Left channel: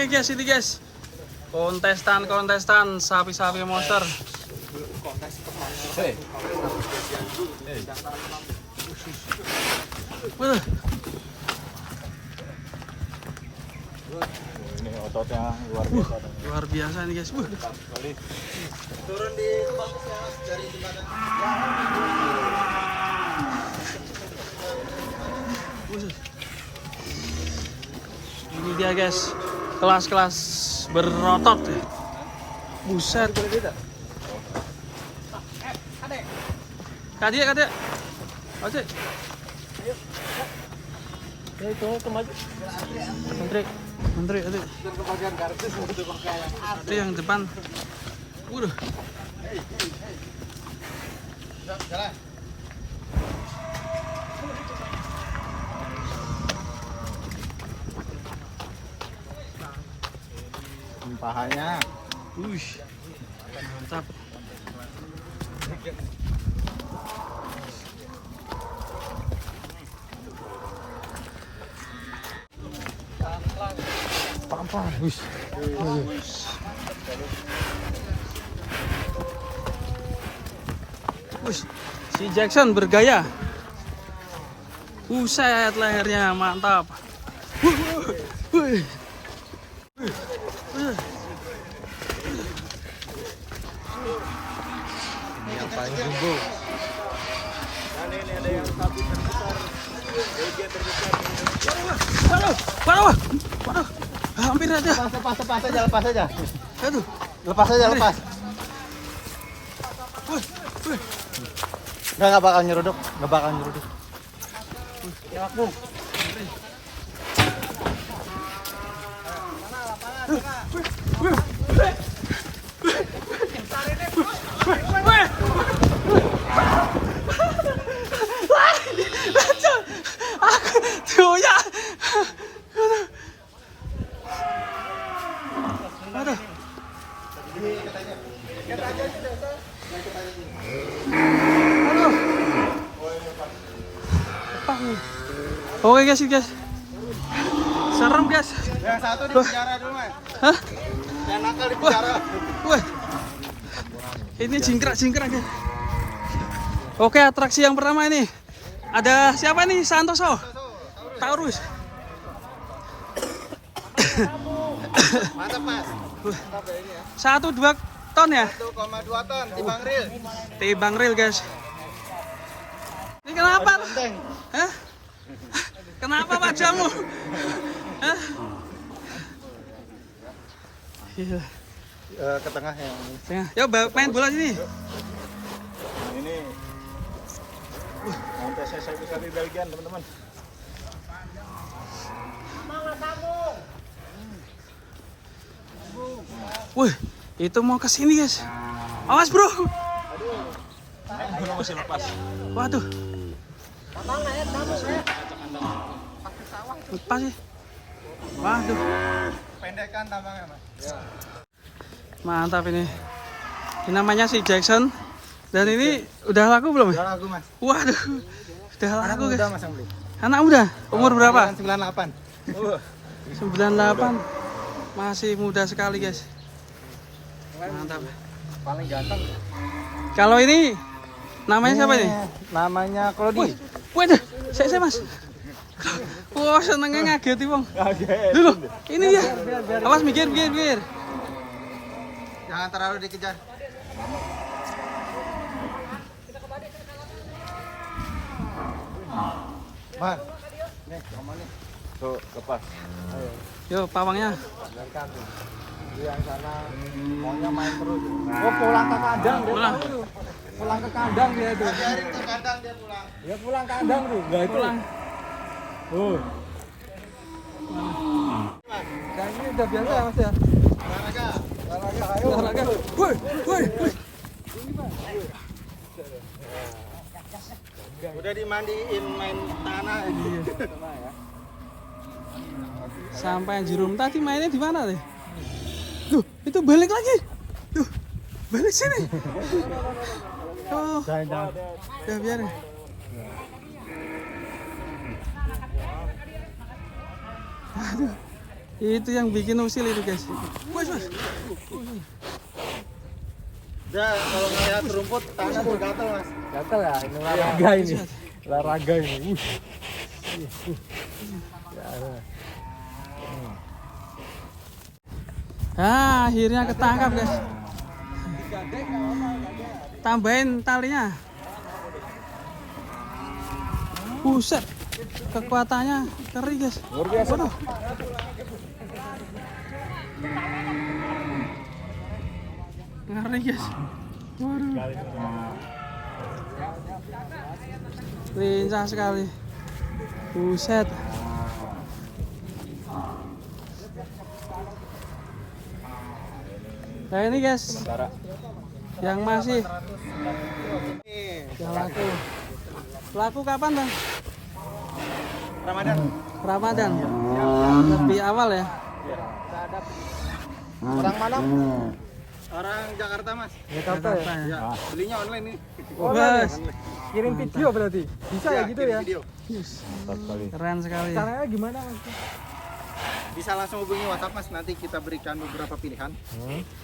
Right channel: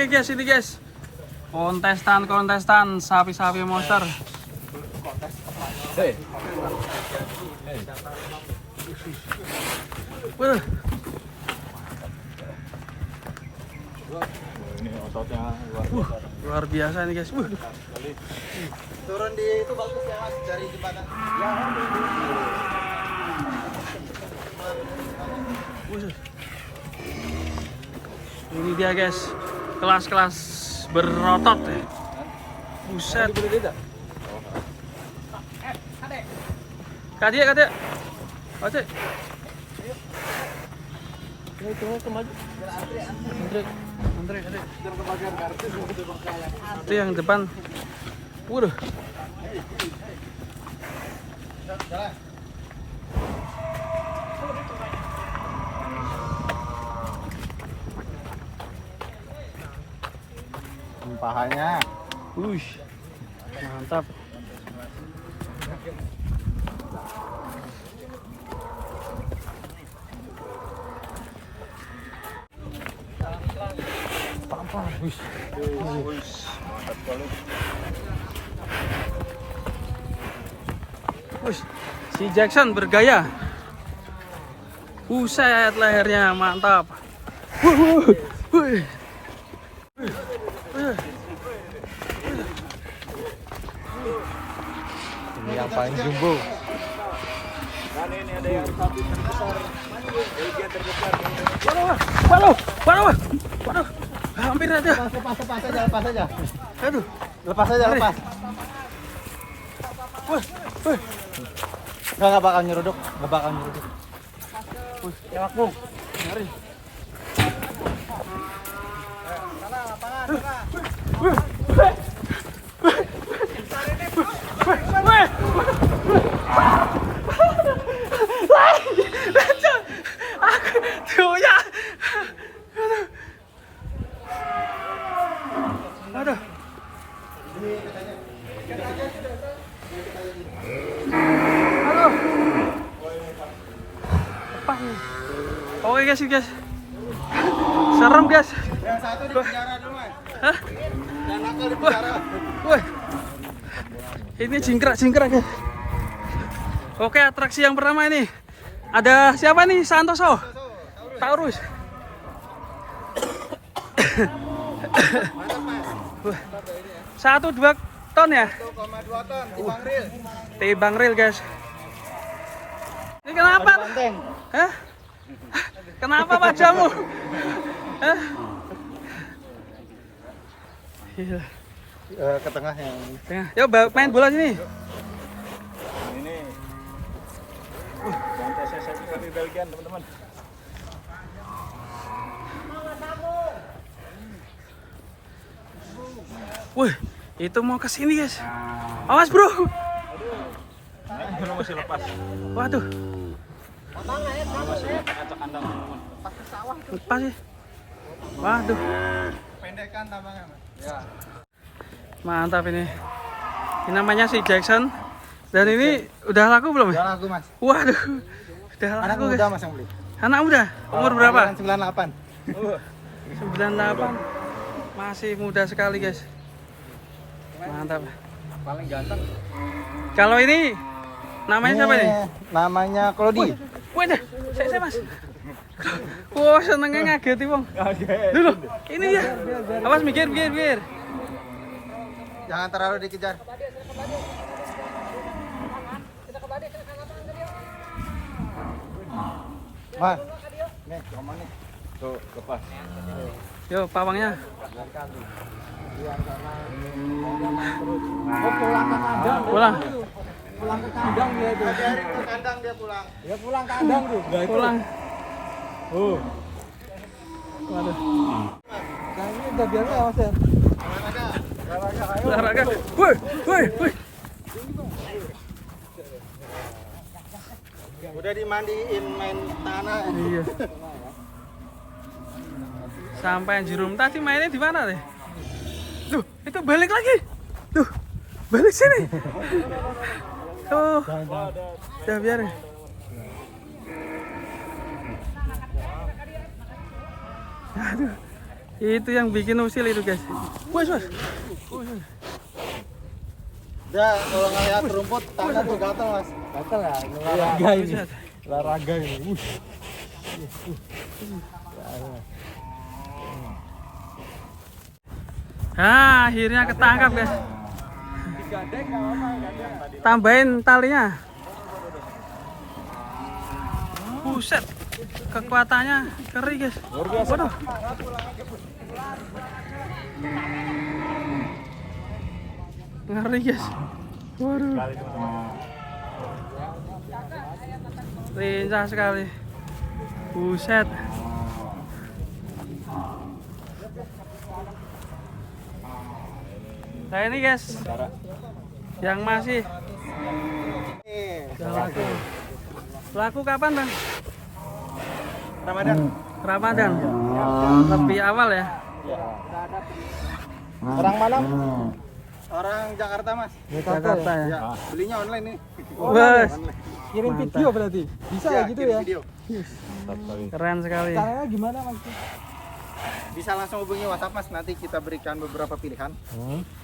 Oke guys, ini guys. Kontestan sapi-sapi monster. Hei. Wah. Ini ototnya Luar biasa nih guys. turun di dari jembatan. Ini dia guys, kelas-kelas berotot. Buset. Kadek. Adek. Antri, adek. Itu yang depan. Waduh. Jalan. Pahanya. Mantap. Si Jackson bergaya. Buset, lehernya mantap. Ini yang paling jumbo. Waduh. Hampir aja. Lepas aja. Aduh. Lepas aja. Nggak bakal nyeruduk. Lewat bung. Mari. Aduh. Oke guys. Serem guys. Yang satu di penjara dulu, Mas. Hah? Yang nakal di penjara. Wah. Ini jingkrak guys. Oke, atraksi yang pertama ini. Ada siapa nih? Santoso. Taurus. Mantap, Mas. 1-2 ton ya? 1,2 ton timbang ril. Timbang ril guys. Ini kenapa? Hah? Kenapa wajahmu? Hah? Iya. Ke tengah yang Tengah. Yo main bola sini. ini. Nanti saya cari bagian, teman-teman. Wih, itu mau ke sini guys. Awas bro. Masih lepas. Waduh. Lepas ya. Waduh. Pendekan tambangnya, Mas. Mantap ini. Ini namanya si Jackson. Dan ini udah laku belum? Udah laku, Mas. Waduh. Udah laku guys. Mas yang beli. Anak muda. Umur berapa? 98. 98. Masih muda sekali guys. Mantap. Paling ganteng. Kalau ini namanya siapa ini? Namanya Klodi. Waduh, saya Mas. Wah, senengnya ngageti wong. Dulu, ini ya. Awas mikir. Jangan terlalu dikejar. Wah. Nih, nih. Tuh, lepas. Yo, pawangnya. Oh, pulang ke kandang. Pulang. Pulang ke kandang dia itu. Ke kandang dia pulang. Dia pulang ke kandang tuh. Enggak itu. Pulang. Waduh. Kayaknya udah biar awas ya. Olahraga. Woi. Udah dimandiin main tanah. Iya. Sampai Jerum tadi mainnya di mana deh? Duh, itu balik lagi. Duh, balik sini. Oh, ya biar. Aduh, Itu yang bikin usil itu guys. Wes. Dia kalau ngeliat rumput tangan tuh gatel mas. Gatel ya, ini olahraga ini. Olahraga ini. Nah, akhirnya ketangkap guys. Tambahin talinya. Buset, kekuatannya keri guys. Waduh. Ngeri guys. Waduh. Lincah sekali. Buset. Nah ini guys, yang masih yang laku. Laku kapan bang? Ramadan. Ramadan. Lebih awal ya. Orang mana? Orang Jakarta mas. Jakarta ya. Ya, belinya online nih. Wes. Kirim Mantap. video berarti. Bisa ya gitu kirim ya. Video. Keren sekali. Caranya gimana mas? Bisa langsung hubungi WhatsApp mas. Nanti kita berikan beberapa pilihan.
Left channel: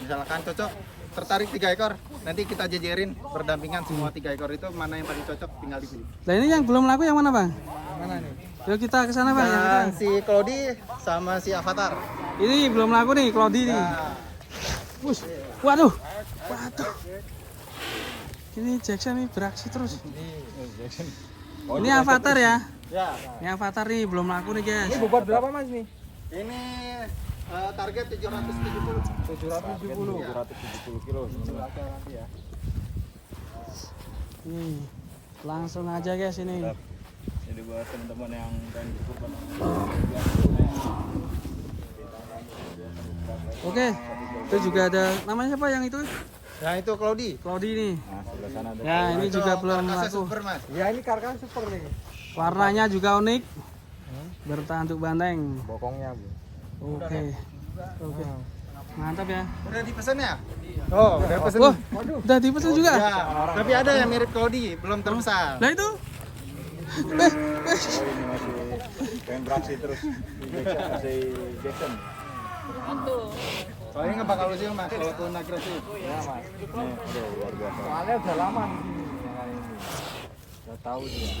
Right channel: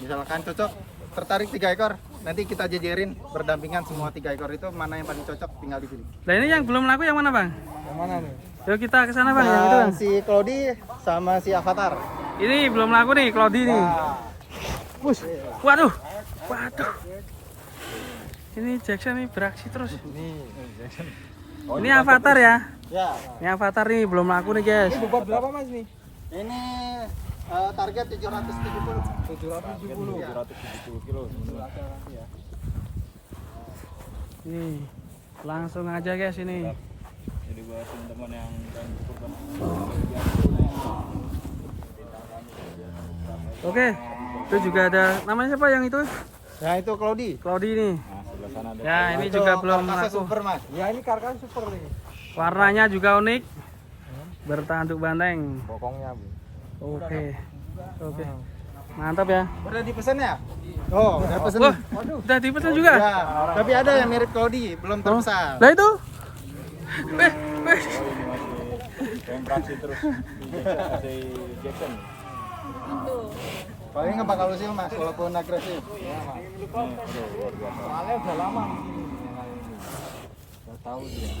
Misalkan cocok, tertarik 3 ekor, nanti kita jejerin berdampingan semua 3 ekor itu mana yang paling cocok tinggal dipilih. Nah ini yang belum laku yang mana bang? Mana nih? Yuk kita ke sana bang, yang itu bang. Si Cloudy sama si Avatar. Ini belum laku nih, Claudi nih. Wush. Waduh. Waduh. Ini Jackson nih beraksi terus. Ini Avatar ya. Ya, Ini Avatar nih belum laku nih guys. Ini bobot berapa mas nih? ini target 770. 770. Ya. Nih, langsung aja guys ini. Ini buat teman-teman yang kurban. Oke. Itu juga ada namanya siapa yang itu? Nah itu Cloudy. Claudi nih. Ya ini juga belum laku. Super mas. Ya ini karkas super nih. Warnanya juga unik. Bertanduk banteng. Bokongnya bu. Oke. Oke. Mantap ya. Udah dipesan ya? Oh, udah pesen. Wah, udah dipesan juga? Ya, tapi ada yang mirip Cloudy, belum terpesan. Lah itu? Terus. Jackson. Paling nggak bakal usil mas, walaupun agresif. Soalnya udah lama di sini. Udah tahu dia.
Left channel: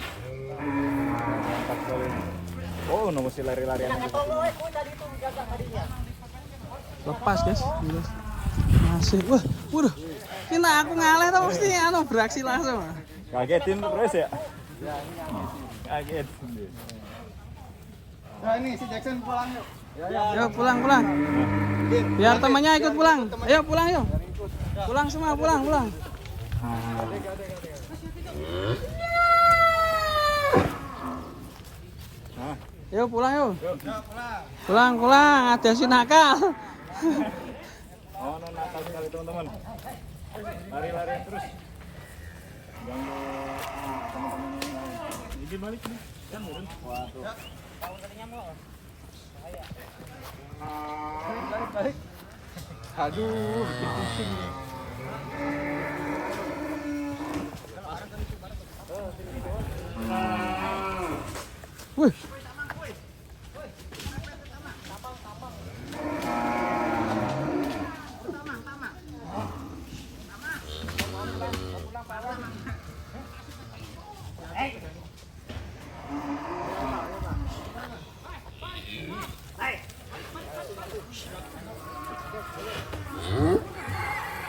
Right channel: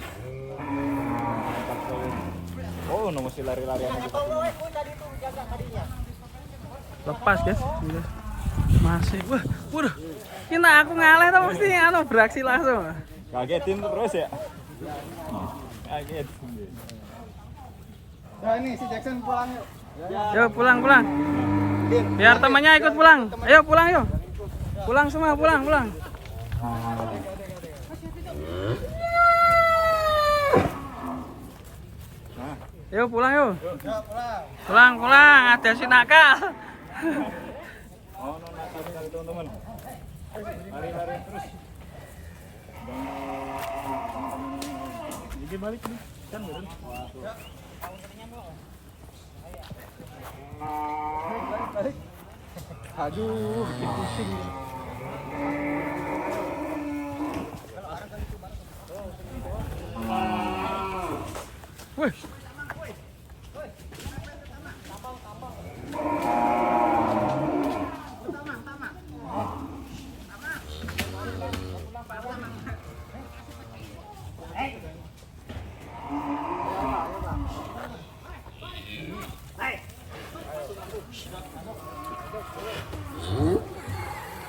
Oh, nomor si lari-larian. Lepas guys. Masih. Wah, waduh. Kena aku ngalah tau mesti anu beraksi langsung. Kagetin terus ya. Kaget. Nah ini si Jackson pulang yuk. Yuk pulang. Biar temannya ikut pulang. Ayo pulang yuk. Pulang semua, pulang. Yuk pulang yuk. Pulang. Ada si nakal. Oh, nakal sekali teman-teman. Lari-lari terus. Ini balik nih. Kan turun. Waduh. Balik. Aduh, bikin pusing. Wih.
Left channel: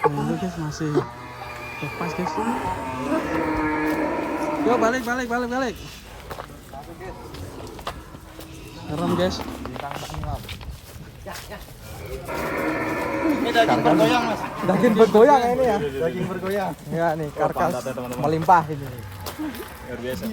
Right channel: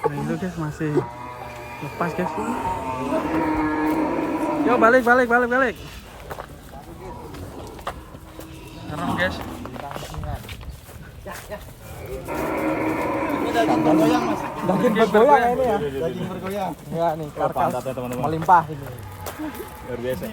Nah, itu guys masih lepas guys. Yuk balik. Serem guys. Ini daging bergoyang mas. Daging bergoyang ini ya. Daging bergoyang. Ya nih karkas melimpah ini. Luar biasa.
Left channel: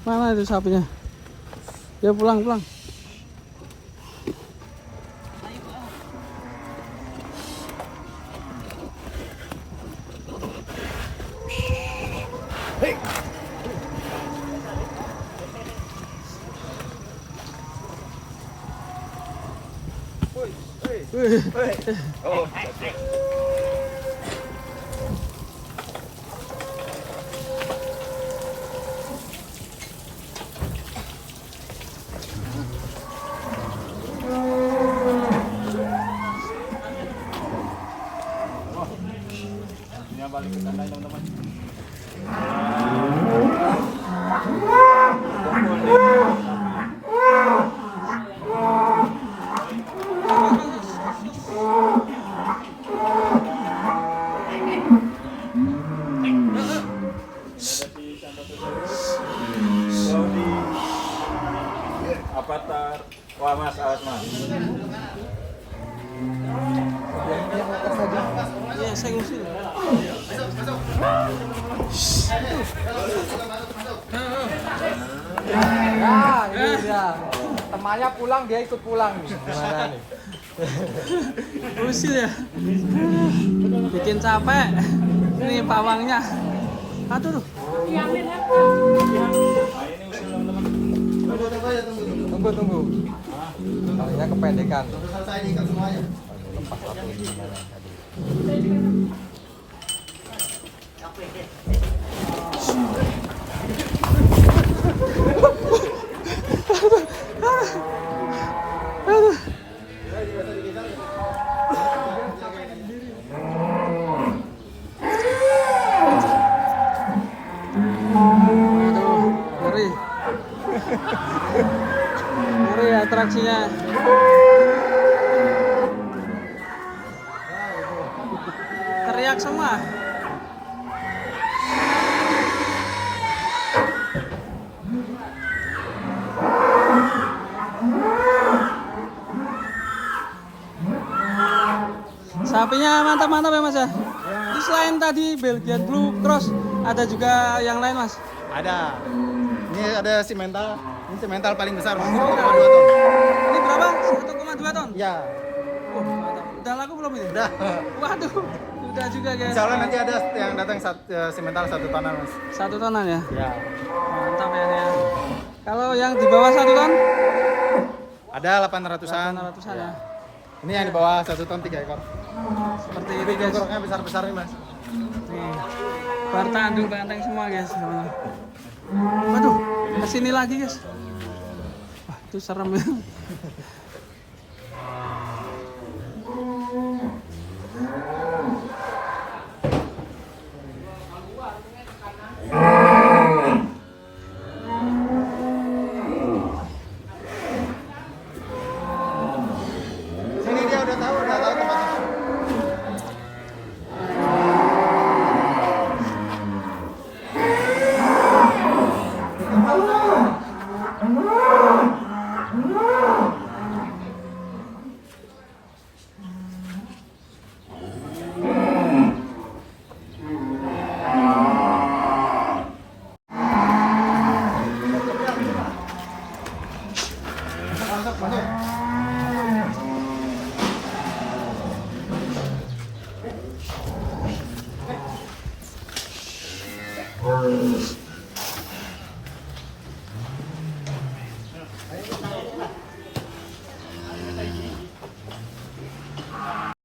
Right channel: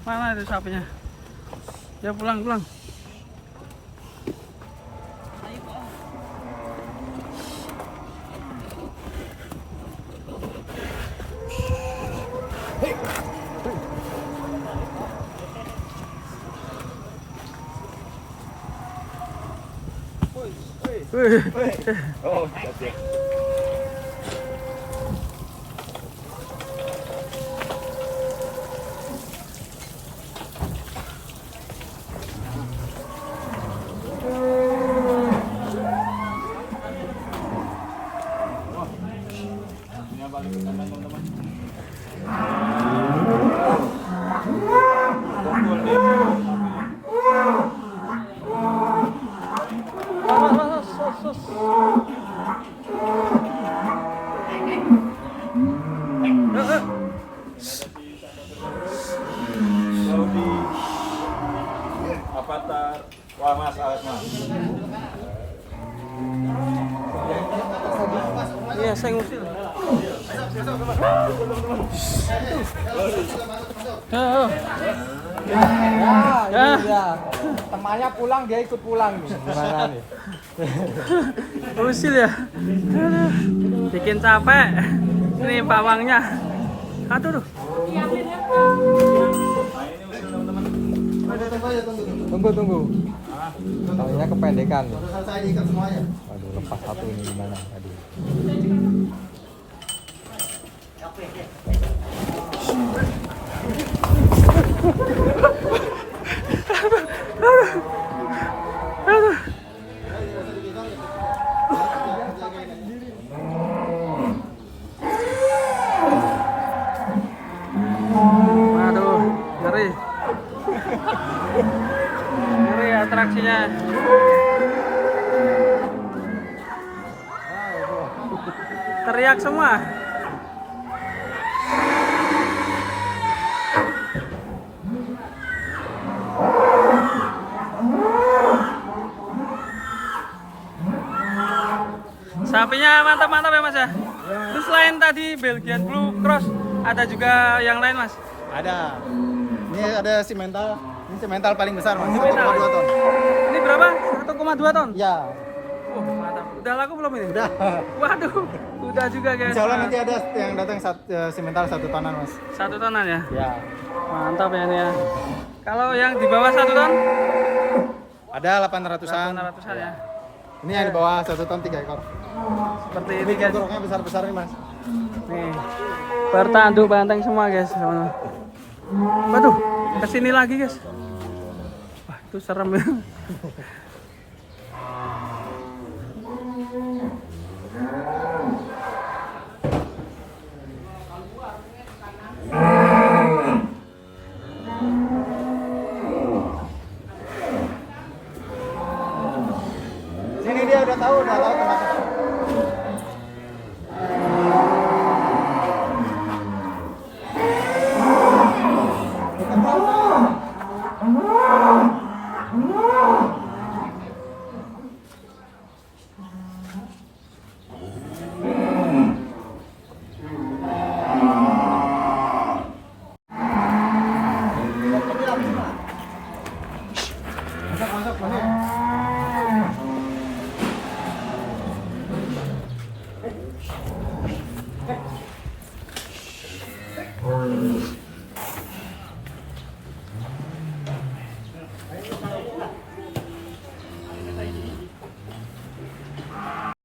Mana itu sapinya? Ya pulang. Wih. Avatar. Wah mas, alat mas. Iya, saya ngusil. Temannya pulang, dia ikut pulang. Ngusil ya. Bikin capek. Ini pawangnya. Aduh. Tuh. Tunggu. Ada kependekan. Sudah selesai diikat semuanya. Waduh, ngeri. Ngeri atraksinya. Teriak semua. Sapinya mantap-mantap ya mas ya. Terus selain tadi Belgian Blue Cross, ada juga yang lain mas? Ada. Ini ada simental. Ini simental paling besar mas. 1,2 ton. Ini berapa? 1,2 ton? Ya. Oh mantap. Udah laku belum ini? Udah. Waduh, udah juga guys. Insya Allah nanti ada yang datang simental 1 tonan mas. 1 tonan ya? Ya. Mantap ya ini ya. Kalau yang di bawah 1 ton? Ada 800-an. 800-an ya. Ini yang di bawah 1 ton 3 ekor. Seperti ini guys. Bentuknya besar-besar nih mas. Nih. Bertanduk banteng semua guys. Waduh, kesini lagi guys. Wah, itu serem ya. Sini dia udah tahu udah lama masuk.